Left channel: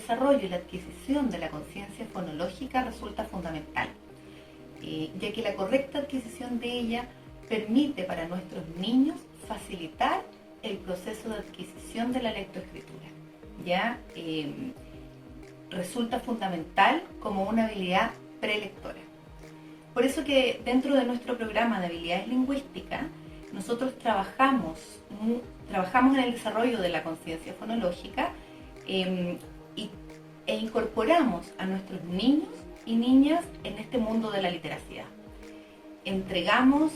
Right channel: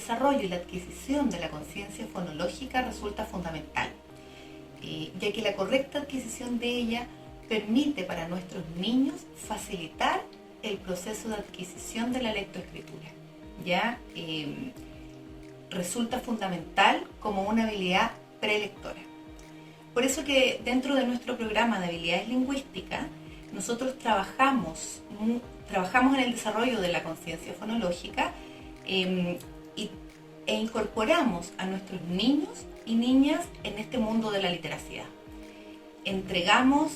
desarrollo y la adquisición de la conciencia fonológica resulta fundamental, ya que la correcta adquisición de ella permite para nuestros niños facilitar el proceso de adquisición de la lectoescritura. ¿Ya? Resulta fundamental como una habilidad prelectora. Por eso que dentro de nuestro programa de habilidades lingüísticas, nosotros trabajamos en el desarrollo de la conciencia fonológica e incorporamos a nuestros niños y niñas en este mundo de la literacidad. Entregamos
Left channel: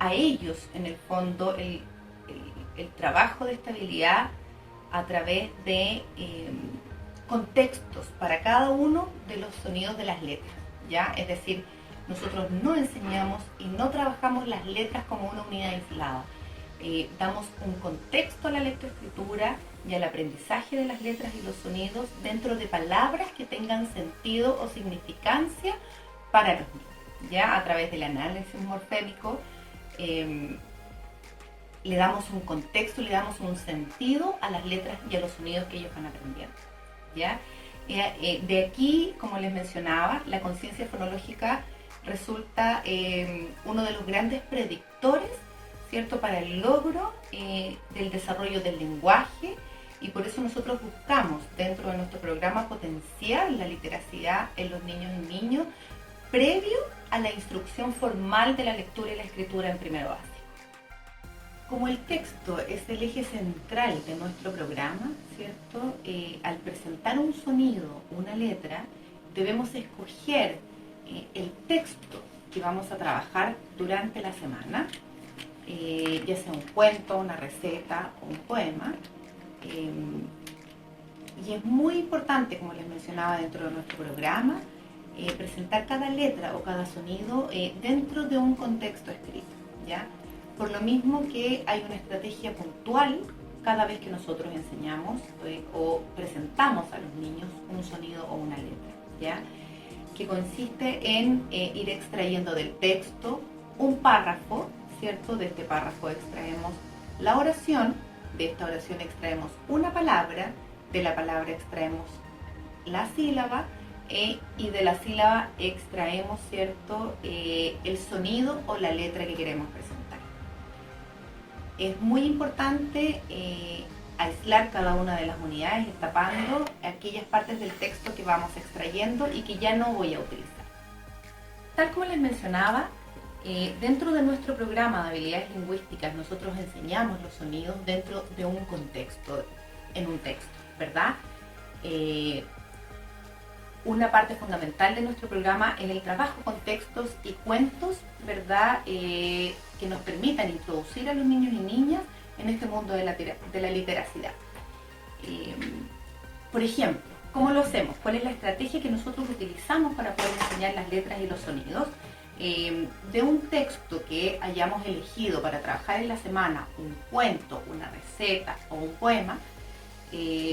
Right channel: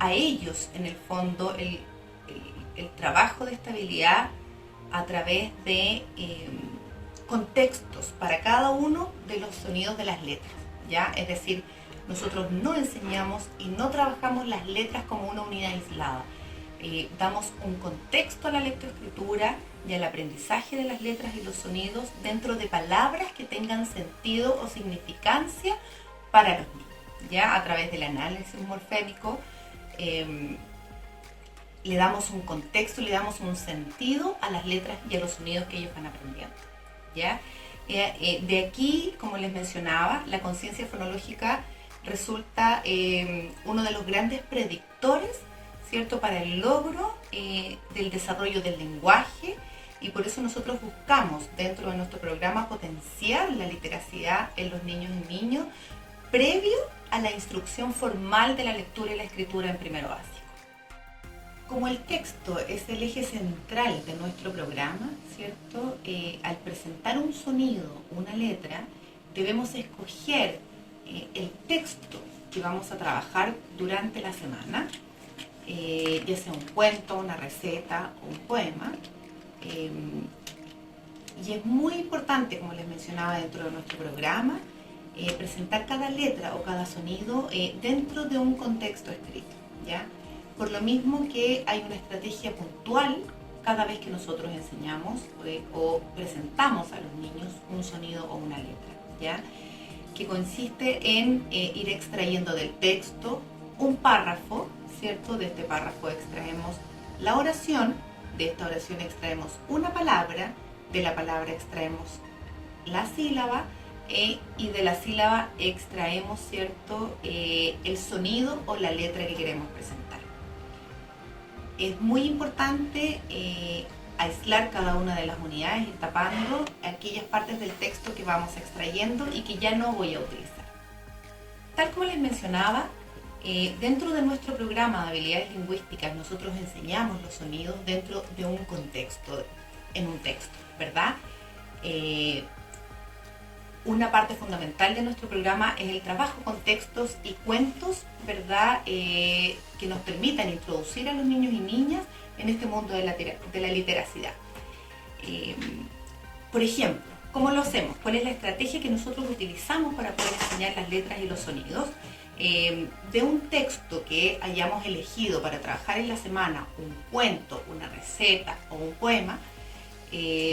a ellos, en el fondo, el trabajo de esta habilidad a través de contextos para cada uno de los sonidos de las letras, ¿ya? Es decir, nosotros no enseñamos y no trabajamos las letras como una unidad aislada. Damos un contexto a la lectoescritura y al aprendizaje de las letras y los sonidos dentro de palabras que tengan sentido o significancia para los niños, ¿ya? A través del análisis morfémico le damos un contexto, le damos un sentido a las letras y a los sonidos que ellos van aprendiendo, ¿ya? De aquí, como les mencionaba, la conciencia fonológica resulta uno de los grandes predictores, ¿cierto?, para el logro del desarrollo del lenguaje, y por eso nosotros buscamos dentro de nuestro programa potenciar la literacidad en los niños y niños previo a la instrucción formal de la lectura y la escritura en primero básico. Como el texto es el eje central de nuestro programa, ¿cierto? Al presentar un sonido, una letra, debemos escoger el texto que vamos a trabajar durante la semana, ya sea un cuento, una receta o un poema. Y es muy importante, como les mencionaba dentro de nuestro programa, presentar cada letra o cada sonido dentro de un contexto escrito, ¿ya? Por lo mismo que hay una estrategia puntual cada vez que nosotros enseñamos o presentamos a los niños un sonido o una letra, ¿ya? Que consiste en ir extrayendo del texto un párrafo, ¿cierto? De este párrafo extraemos la oración, de esta oración extraemos una palabra, de la palabra extraemos la sílaba, y de la sílaba extraemos, ¿cierto?, el sonido o la letra que queremos presentar. Es muy importante aislar cada una de las unidades, ir tapando aquellas partes del texto que vamos extrayendo y que ya no voy a utilizar. Tal como les mencionaba, dentro de nuestro programa de habilidades lingüísticas nosotros enseñamos los sonidos dentro de un contexto, en un texto, ¿verdad? Una parte fundamental de nuestro programa es el trabajo con textos y cuentos, ¿verdad? Que nos permitan introducir a los niños y niñas en este mundo de la literacidad. Por ejemplo, ¿cómo lo hacemos? ¿Cuál es la estrategia que nosotros utilizamos para poder enseñar las letras y los sonidos? De un texto que hayamos elegido para trabajar en la semana, un cuento, una receta o un poema,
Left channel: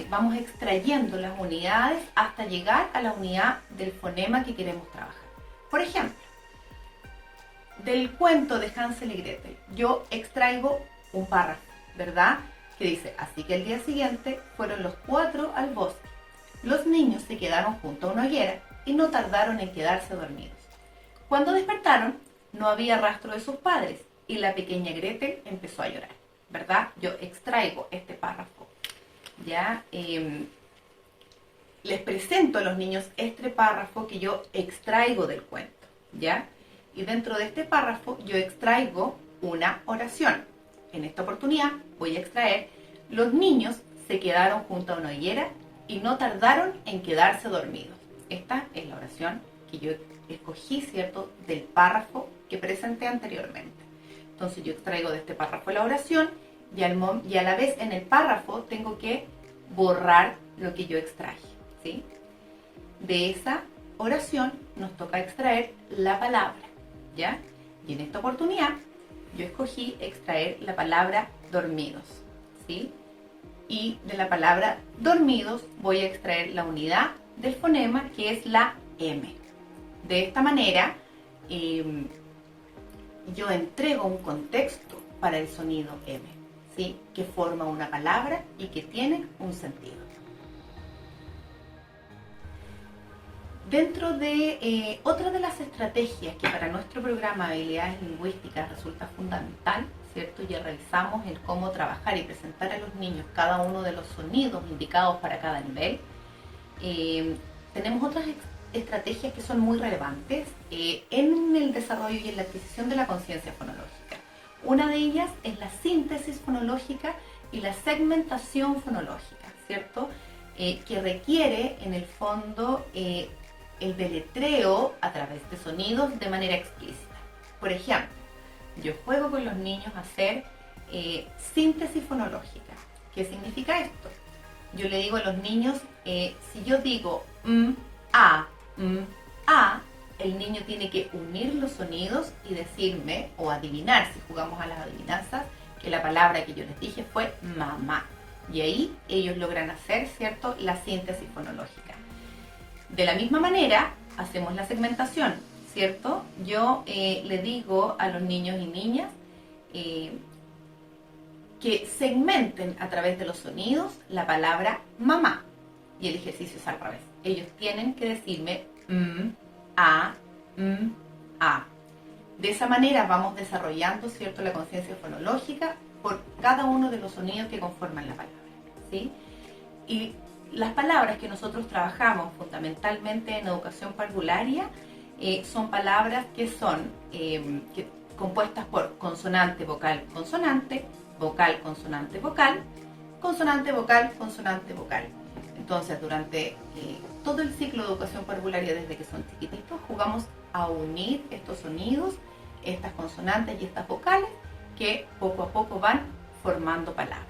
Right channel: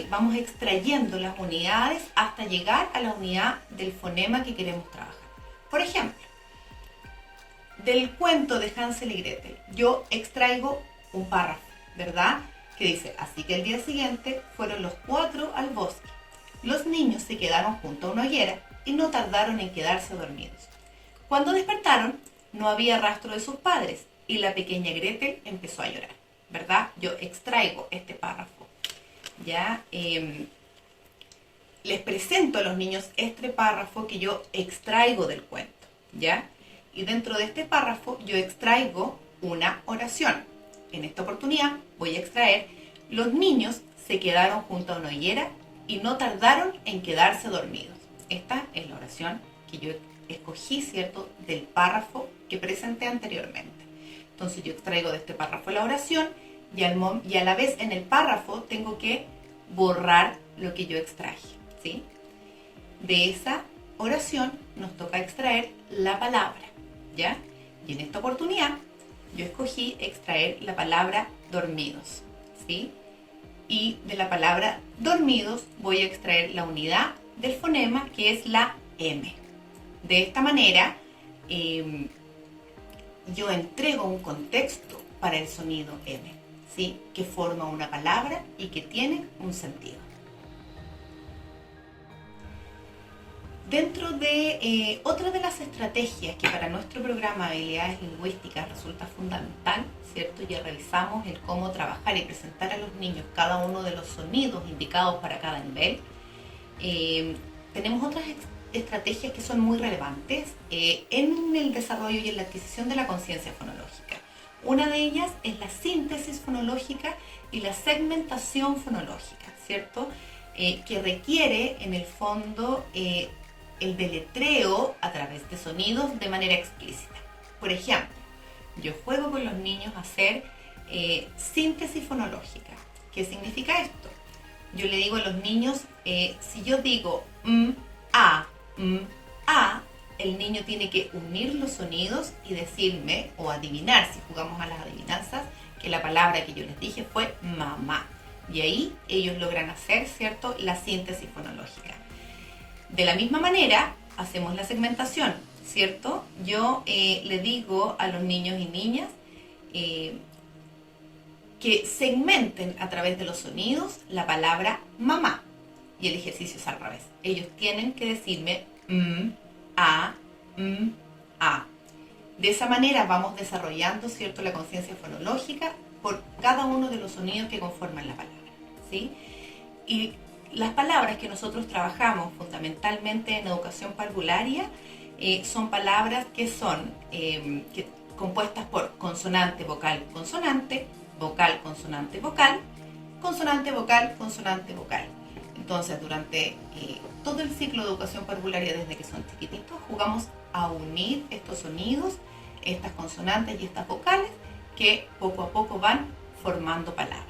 vamos extrayendo las unidades hasta llegar a la unidad del fonema que queremos trabajar. Por ejemplo, del cuento de Hansel y Gretel, yo extraigo un párrafo, ¿verdad? Que dice, así que el día siguiente fueron los 4 al bosque. Los niños se quedaron junto a una hoguera y no tardaron en quedarse dormidos. Cuando despertaron, no había rastro de sus padres y la pequeña Gretel empezó a llorar, ¿verdad? Yo extraigo este párrafo. ¿Ya? Les presento a los niños este párrafo que yo extraigo del cuento, ¿ya? Y dentro de este párrafo yo extraigo una oración. En esta oportunidad voy a extraer, los niños se quedaron junto a una hoguera y no tardaron en quedarse dormidos. Esta es la oración que yo escogí, ¿cierto?, del párrafo que presenté anteriormente. Entonces yo extraigo de este párrafo la oración y a la vez en el párrafo tengo que borrar lo que yo extraje, ¿sí? De esa oración nos toca extraer la palabra, ¿ya? Y en esta oportunidad yo escogí extraer la palabra dormidos, ¿sí? Y de la palabra dormidos voy a extraer la unidad del fonema, que es la M. De esta manera yo entrego un contexto para el sonido M, ¿sí?, que forma una palabra y que tiene un sentido. Dentro de otra de las estrategias que para nuestro programa de habilidades lingüísticas resulta fundamental, ¿cierto? Ya revisamos el cómo trabajar y presentar a los niños cada uno de los sonidos indicados para cada nivel. Tenemos otras estrategias que son muy relevantes en el desarrollo y en la adquisición de la conciencia fonológica. Una de ellas es la síntesis fonológica y la segmentación fonológica, ¿cierto? Que requiere en el fondo el deletreo a través de sonidos de manera explícita. Por ejemplo, yo juego con los niños a hacer síntesis fonológica. ¿Qué significa esto? Yo le digo a los niños, si yo digo a, el niño tiene que unir los sonidos y decirme, o adivinar, si jugamos a las adivinanzas, que la palabra que yo les dije fue mamá. Y ahí ellos logran hacer, ¿cierto?, la síntesis fonológica. De la misma manera, hacemos la segmentación, ¿cierto? Yo le digo a los niños y niñas que segmenten a través de los sonidos la palabra mamá. Y el ejercicio es al revés. Ellos tienen que decirme a. De esa manera vamos desarrollando, ¿cierto?, la conciencia fonológica por cada uno de los sonidos que conforman la palabra, ¿sí? Y las palabras que nosotros trabajamos fundamentalmente en educación parvularia son palabras que son compuestas por consonante, vocal, consonante, vocal, consonante, vocal, consonante, vocal, consonante, vocal. Entonces, durante todo el ciclo de educación parvularia, desde que son chiquititos, jugamos a unir estos sonidos, estas consonantes y estas vocales que poco a poco van formando palabras.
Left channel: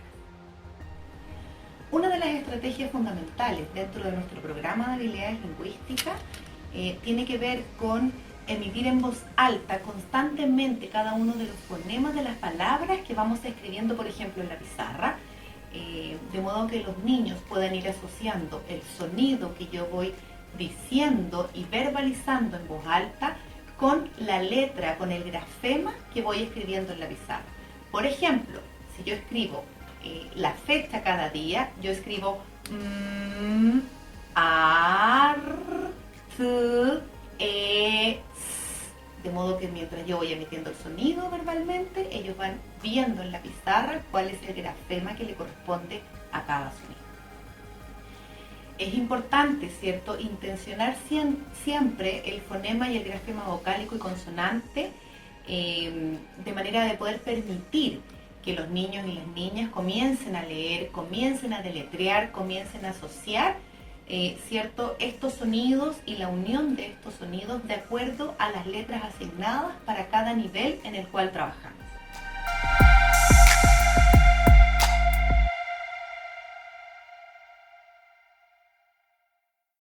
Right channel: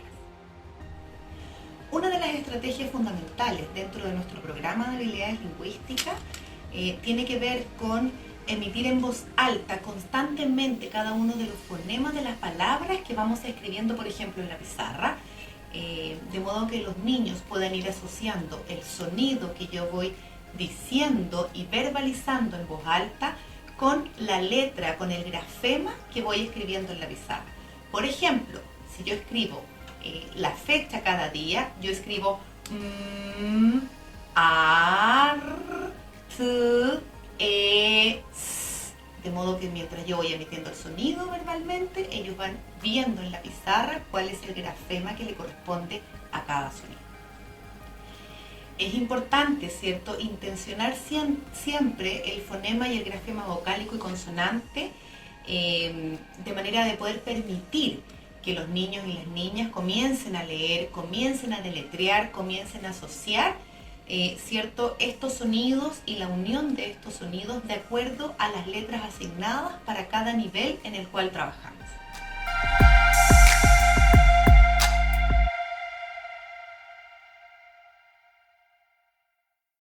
Una de las estrategias fundamentales dentro de nuestro programa de habilidades lingüísticas tiene que ver con emitir en voz alta constantemente cada uno de los fonemas de las palabras que vamos escribiendo, por ejemplo, en la pizarra, de modo que los niños puedan ir asociando el sonido que yo voy diciendo y verbalizando en voz alta con la letra, con el grafema que voy escribiendo en la pizarra. Por ejemplo, si yo escribo la fecha cada día, yo escribo de modo que mientras yo voy emitiendo el sonido verbalmente, ellos van viendo en la pizarra cuál es el grafema que le corresponde a cada sonido. Es importante, ¿cierto?, intencionar siempre el fonema y el grafema vocálico y consonante de manera de poder permitir que los niños y las niñas comiencen a leer, comiencen a deletrear, comiencen a asociar, ¿cierto?, estos sonidos y la unión de estos sonidos de acuerdo a las letras asignadas para cada nivel en el cual trabajamos.